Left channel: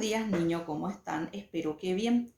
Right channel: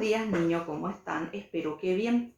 Buenos días, niños, ¿cómo están? Espero que bien.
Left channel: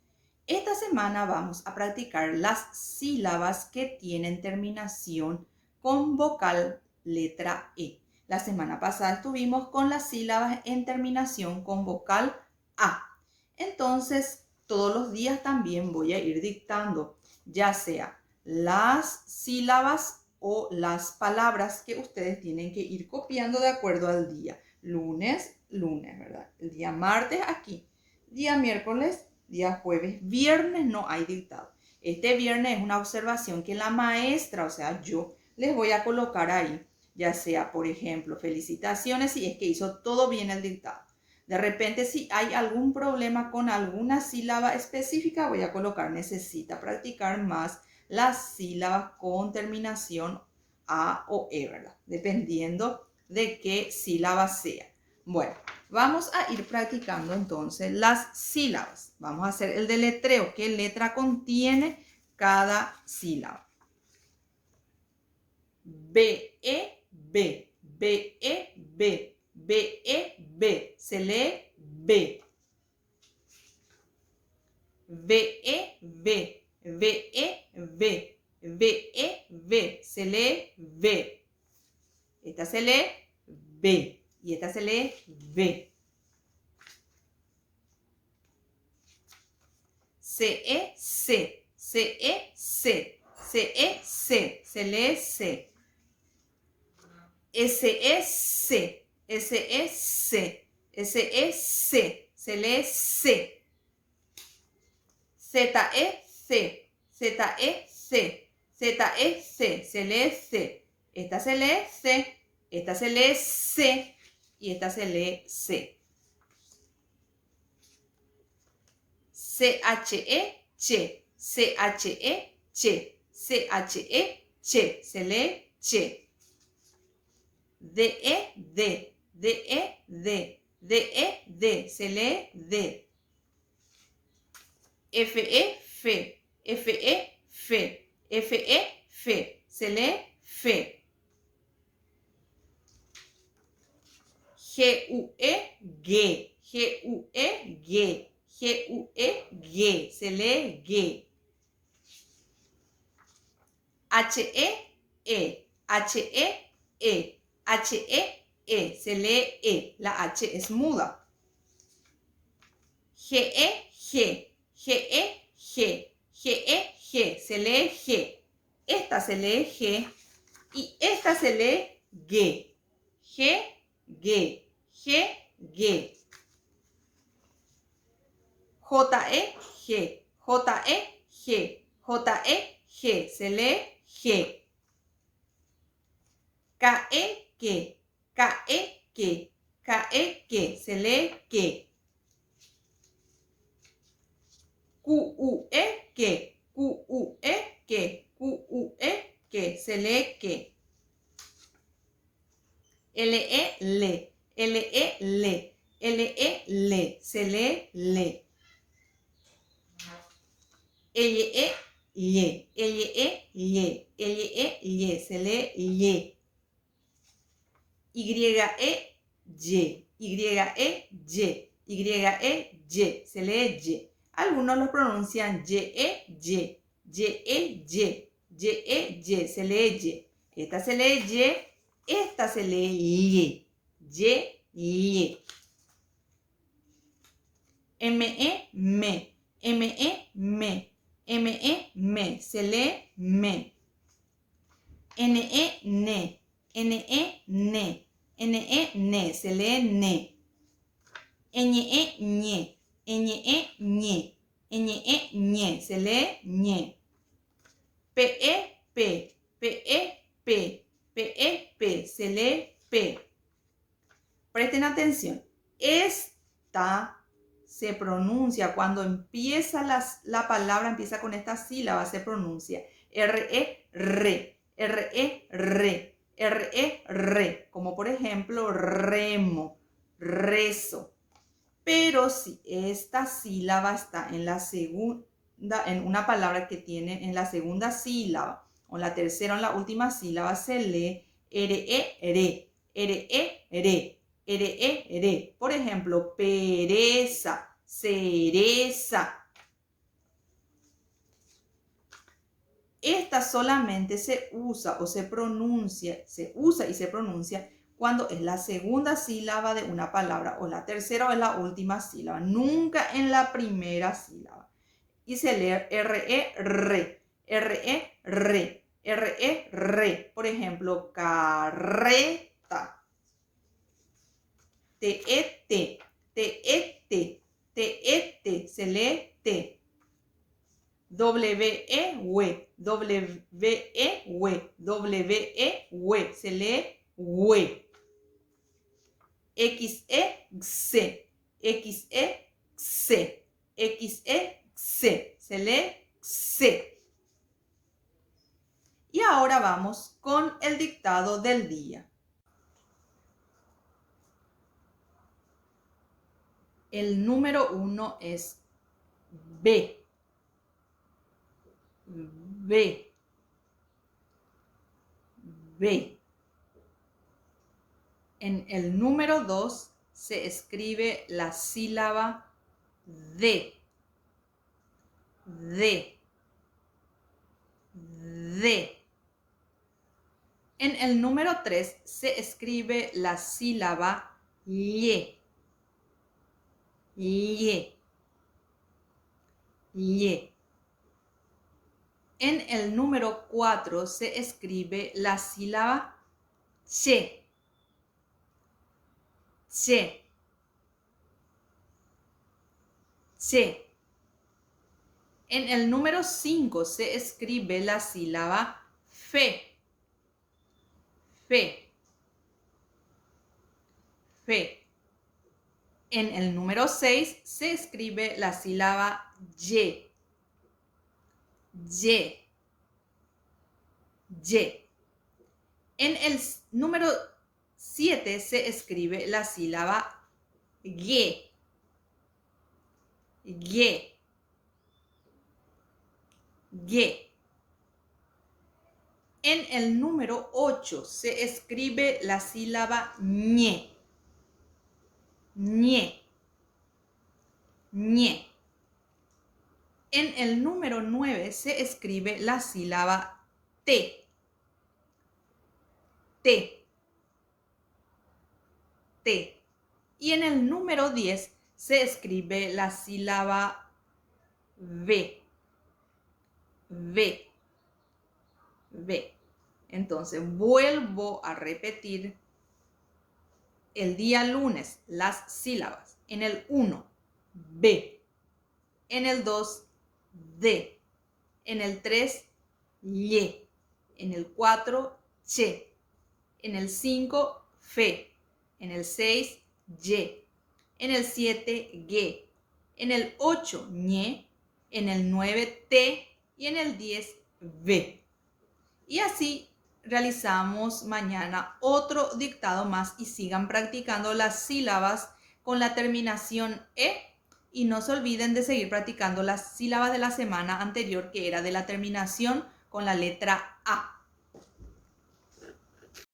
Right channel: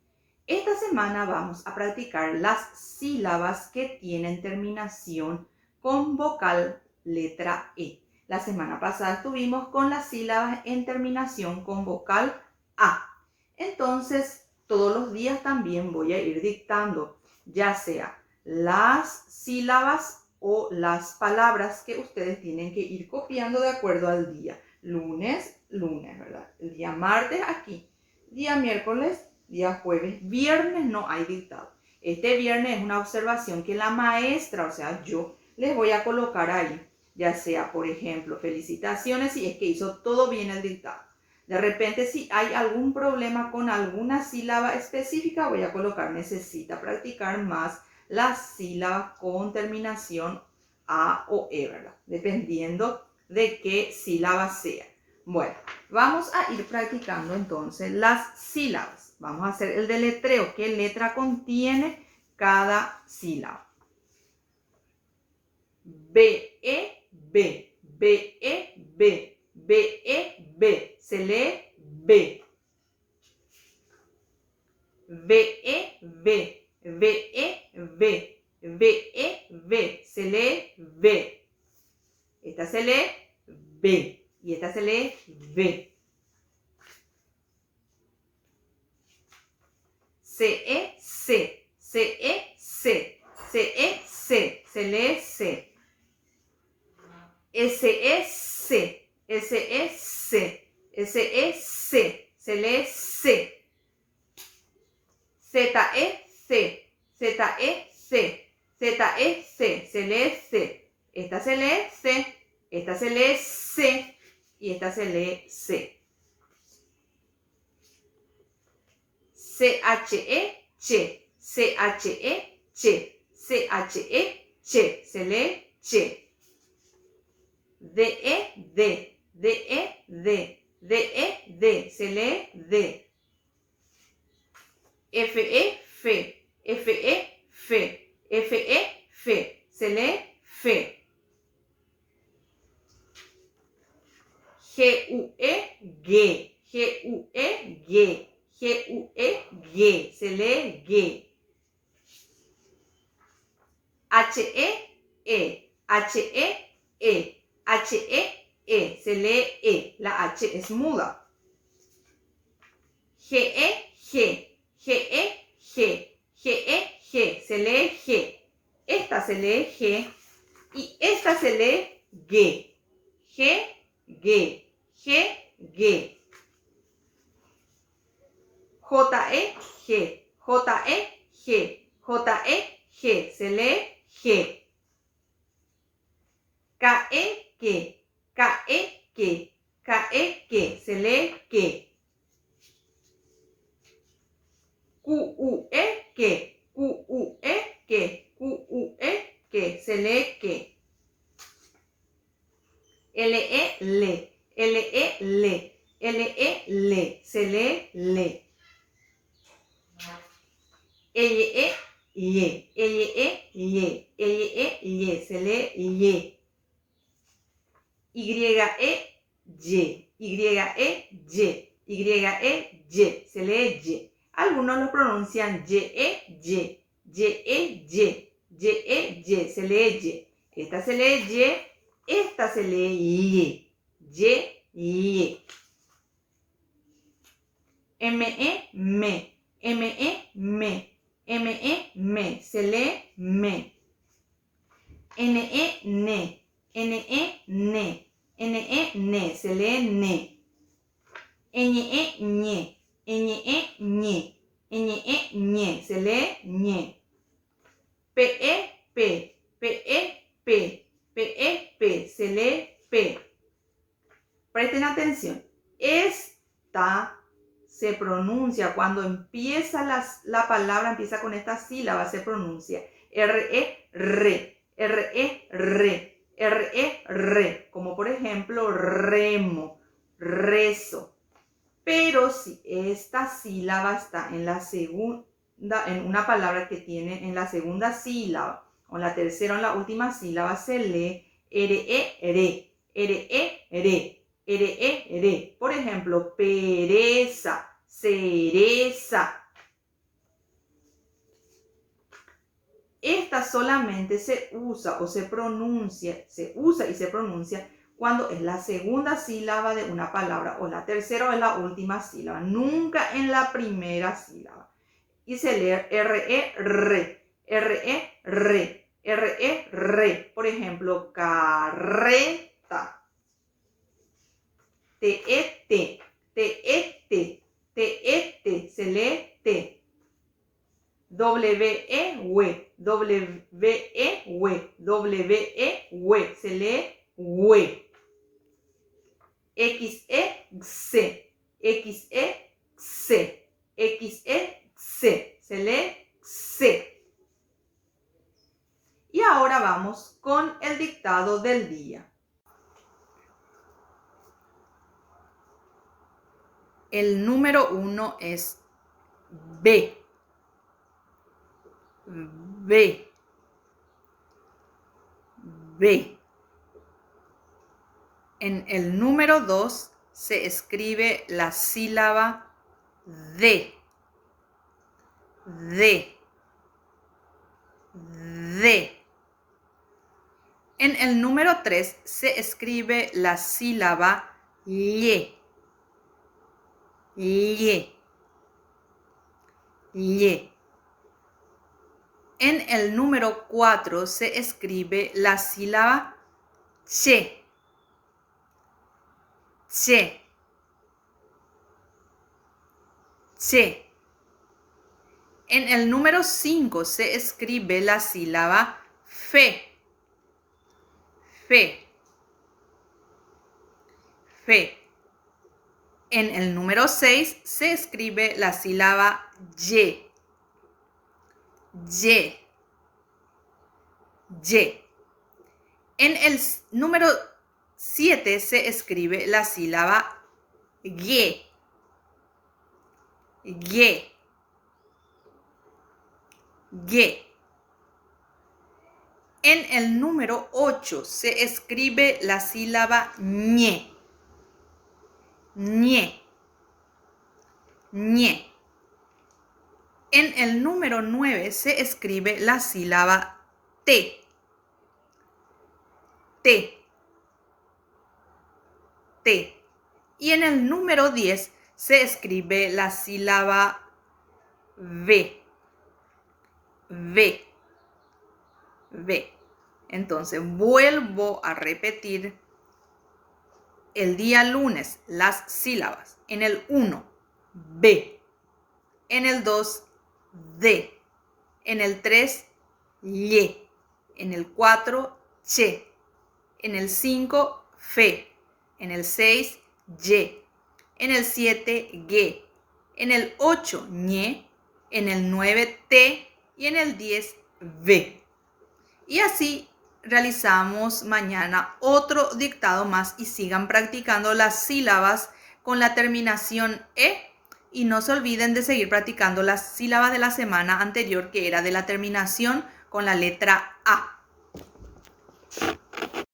Esta semana vamos a practicar las sílabas que tienen terminación con vocal letra E. La semana pasada estuvimos con las sílabas en terminación con vocal A. Entonces, todos los días también voy a ir dictando, ya sea las sílabas o las palabras que ustedes tienen que ir copiando de acuerdo al día. Lunes, ¿verdad? El día martes aquí, día miércoles, día jueves, viernes no hay dictado. Este viernes es una observación que la maestra, o sea, yo les voy a colocar ahí, ya sea, por ejemplo, felicitaciones si es que hizo todo bien el dictado. De repente, si hay algún problema con alguna sílaba específica, voy a colocar, necesita practicar más las sílabas con terminación A o E, ¿verdad? Dependiendo de qué sílaba sea. Bueno, vamos a ir practicando entonces las sílabas. Vamos a hacer el deletreo. ¿Qué letra contiene cada sílaba? B, E, B, B, E, B, B, E, B. Se lee B. B, E, B, B, E, B, B, E, B. Se lee B. Esta se lee B. Y esta se lee B. C-E, C. C-E, C. C-E, C. Se lee C. S-E, C. S-E, C. S-E, C. Se lee C. Z-E, C. Z-E, C. Z-E, C. Se lee C. Esta se lee C. Esta se lee C. Y esta se lee C. C-H-E, Che. C-H-E, Che. C-H-E, Che. Se lee Che. D-E, D. D-E, D. D-E, D. Se lee D. F-E, Fe. F-E, Fe. F-E, Fe. Se lee Fe. G-U-E, G. G-U-E, G. G-U-E, G. Se lee G. H-E, H-E, E. H-E, E. Se lee E. La H es muda. G-E, G. G-E, G. G-E, G. Se lee G. Esta se lee G. Y esta se lee G. G, G. G, G. J-E, G. J-E, G. J-E, G. Se lee G. K-E, K. K-E, K. K-E, K. Se lee K. Q-U-E, K. Q-U-E, K. Q-U-E, K. Se lee K. L-E, Le. L-E, Le. L-E, Le. Se lee Le. L-E, Ye. L-E, Ye. L-E, Ye. Se lee Ye. Y-E, Y. Y-E, Y. Y-E, Y. Se lee Y. Algunos lo pronuncian Y-E, Y. Y-E, Y. Y-E, Y. Se lee Y. Esta se lee Y. Esta se lee Y. Y, Y. M-E, Me. M-E, Me. M-E, Me. Se lee Me. N-E, Ne. N-E, Ne. N-E, Ne. Se lee Ne. Ñ-E, Ñe. Ñ-E, Ñe. Ñ-E, Ñe. Se lee Ñe. P-E, P. P-E, P. P-E, P. Se lee P. Presten atención. Esta se pronuncia cuando empieza la palabra, empieza con esta sílaba, se pronuncia R-E, Re. R-E, Re. R-E, Re. Como por ejemplo, remo, rezo. Pero si esta sílaba está en la segunda, en una palabra que tiene en la segunda sílaba, o en la tercera o en la última sílaba, se lee R-E, Re. R-E, Re. re. Por ejemplo, pereza, cereza. Esta solamente se usa y se pronuncia cuando es la segunda sílaba de una palabra o la tercera o es la última sílaba, nunca en la primera sílaba. Y se lee re. Por ejemplo, carreta. Te, se lee te. Se lee we. Se lee se. Y ahora vamos con el dictado del día. El número 1 es B. En el número 2 se escribe la sílaba D. En el número 3 se escribe la sílaba lle. En el número 4 se escribe la sílaba che. En el número 5 se escribe la sílaba fe. En el número 6 se escribe la sílaba ye. En el número 7 se escribe la sílaba ye. En el número 8 se escribe la sílaba ñe. En el número 9 se escribe la sílaba te. Y en el número 10 se escribe la sílaba ve. Entonces, vuelvo a repetir. El día lunes, las sílabas. En el 1, B. En el 2, D. En el 3, lle. En el 4, che. En el 5, fe. En el 6, ye. En el 7, ge. En el 8, ñe. En el 9, te. Y en el 10, ve. Y así realizamos mañana otro dictado más y sigan practicando las sílabas con la terminación E. Y no se olviden de seguir practicando las sílabas de la semana anterior, que era de la terminación con la letra A.